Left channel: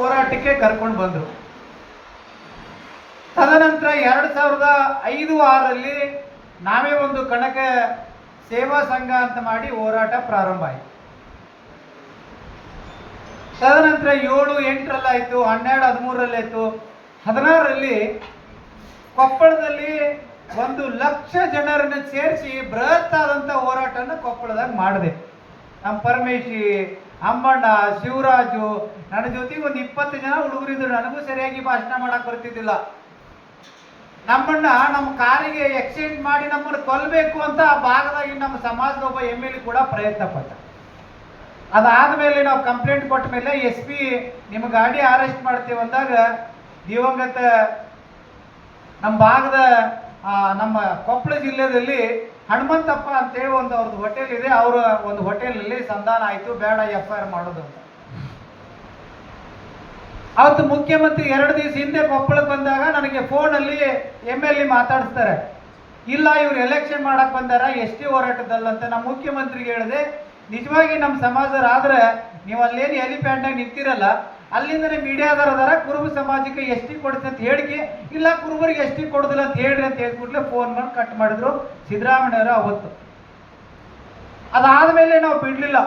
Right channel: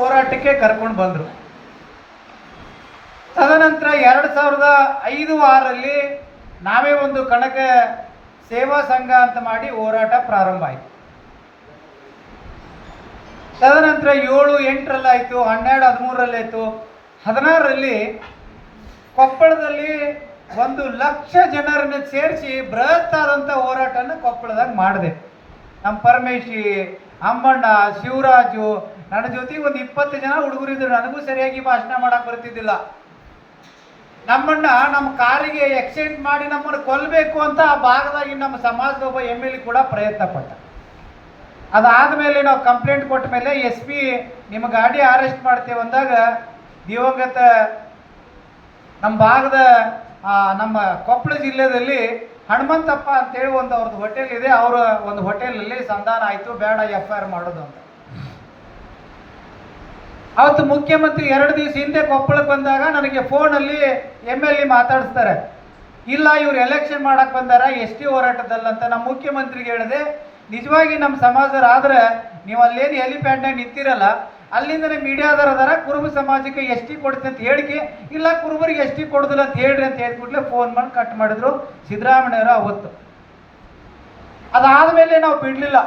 ಹೋರಾಟಕ್ಕೆ ಕರ್ಕೊಂಡು ಬಂದರು. ತದನಂತರ 2005-6ರಲ್ಲಿ ನಾವೇ ಒಂದು ಕನಕ ಸೇವಾ ಸಂಘ ಅಂತ ಮಾಡಿ ಹೋರಾಟ ಪ್ರಾರಂಭ ಆಯಿತು. ತದನಂತರ 7, 8ರಲ್ಲಾಯಿತು, 12, 13ರಲ್ಲಾಯಿತು. 16ರಲ್ಲಿ ಕೊಪ್ಪಳದಲ್ಲಿ 1,00,000 ಜನರನ್ನು ಸೇರಿಸಿ ಬೃಹತ್ ಆದಂಥ ಹೋರಾಟನ ಕೊಪ್ಪಳದಾಗ ಮಾಡಿದೆ. ನಮ್ಮ ಪರಮೇಶಿ, ಅಮ್ಮಣ್ಣ, ಶಿವರಾಜು, ನನ್ನ ಜೊತೆಗೆ ಒಂದು 20 ಜನ ಹುಡುಗರಿದ್ರು. ನನಗೂ ಸರಿಯಾಗಿ ಭಾಷಣ ಮಾಡಕ್ಕೆ ಬರ್ತಿದ್ದಿಲ್ಲ. ನಮ್ಮಣ್ಣ ನಮ್ಮ ಕಾರಿಗೆ ಎಕ್ಸಿಡೆಂಟ್ ಮಾಡಿ ನಮ್ಮನ್ನು ಕೊಲ್ಲಬೇಕು ಅಂತ ಆ ಭಾಗದಾಗಿ ನಮ್ಮ ಸಮಾಜದ ಒಬ್ಬ MLA ಕೂಡ ಪ್ರಯತ್ನ ಪಟ್ಟ. ಅದಾದಮೇಲೆ ನಾವು ಕಂಪ್ಲೇಂಟ್ ಕೊಟ್ಟ ಮೇಲೆ SP ನಿಮ್ಮ ಗಾಡಿ ಅರೆಸ್ಟ್ ಮಾಡ್ತೇವೆ ಅಂದಾಗ ದಿವಂಗತ ನಮ್ಮ ಭಾಗದ ನಮ್ಮ ಕೊಪ್ಪಳ ಜಿಲ್ಲೆಯಲ್ಲಿ ಹನುಮಂತಪ್ಪ ಅಂತೇಳಿ ಅವ್ರದ್ದು ಹೋಟೆಲ್ ಇದೆ. ಅವರ ಒಂದು ಹೋಟೆಲಲ್ಲಿ ಸಂಧಾನ ಆಯಿತು, ಬೇಡ FIR ಮಾಡೋದು ಅಂತ. ಅವತ್ತು ಮುಖ್ಯಮಂತ್ರಿ 2 ದಿವಸ ಹಿಂದೆ ಕೊಪ್ಪಳಕ್ಕೆ ಬಂದಾಗ ನನಗೆ ಫೋನಲ್ಲಿ MLA ಮಾತಾಡಿಸ್ತಾರೆ, ಇಲ್ಲ ಇವ್ರು ಎಲೆಕ್ಷನ್ ಮಾಡಕ್ಕೆ ಬಂದಾರ ST ಹೋರಾಟದಲ್ಲಂತ. ನಮ್ಮ ಮುಖ್ಯಮಂತ್ರಿಗೆ ಹೇಳಿದೆ, ನಿಜವಾಗಿ ನಮ್ಮ ಸಮಾಜರಾದ್ರೆ ನೀವು ಅಲ್ಲೇನು ಹೆಲಿಪ್ಯಾಡ್ನಾಗ ನಿಂತಿರಲ್ಲ, ಅಲ್ಲಿಂದನೇ ಮೀಡಿಯಾದರ ಅದರ ಕುರುಬ ಸಮಾಜಕ್ಕೆ ST ಕೊಡ್ತೀನಿ ಅಂತ ಹೇಳಿಕೆ, ಇಲ್ಲ ಕುರುಬರಿಗೆ ST ಕೊಡೋದಿಲ್ಲ ಅಂತ ಹೇಳ್ರಿ ಅಂತ ಹೇಳ್ಬಿಟ್ಲೆ ಫೋನ್ ಮಾಡಿ ಕಟ್ ಮಾಡಿದ್ರು ಸಿದ್ದರಾಮಯ್ಯವರು ಅವತ್ತು. ಅದಾದಮೇಲೆ ನಾವು ಬಿಡಲಿಲ್ಲ.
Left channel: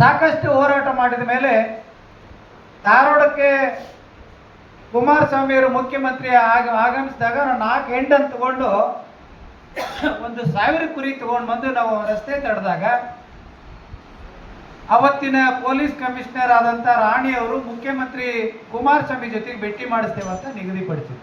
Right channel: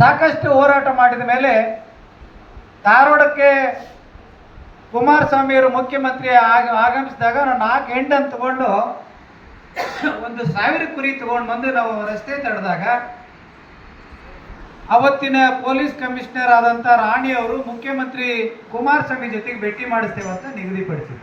ಸಾಕಷ್ಟು ಹೋರಾಟ ಮಾಡಿದ ಮೇಲೆ ಧಾರವಾಡಕ್ಕೆ ಕುಮಾರಸ್ವಾಮಿಯವರು ಮುಖ್ಯಮಂತ್ರಿ ಆಗಮಿಸಿದಾಗ ನಾವು 4 ಹೆಂಡನ್ನು ತಗೊಂಡು 1,000 ಕುರಿ ತಗೊಂಡು ಬಂದು ನಾವು ರಸ್ತೆ ತಡೆದಾಗ ಅವತ್ತಿನ ಪೊಲೀಸ್ ಕಮಿಷನರ್ ಆದಂಥ ರಾಣಿಯವರು ಮುಖ್ಯಮಂತ್ರಿ ಕುಮಾರಸ್ವಾಮಿ ಜೊತೆಗೆ ಭೇಟಿ ಮಾಡಿಸ್ತೇವೆ ಅಂತ ನಿಗದಿಪಡಿಸಿದ್ರು.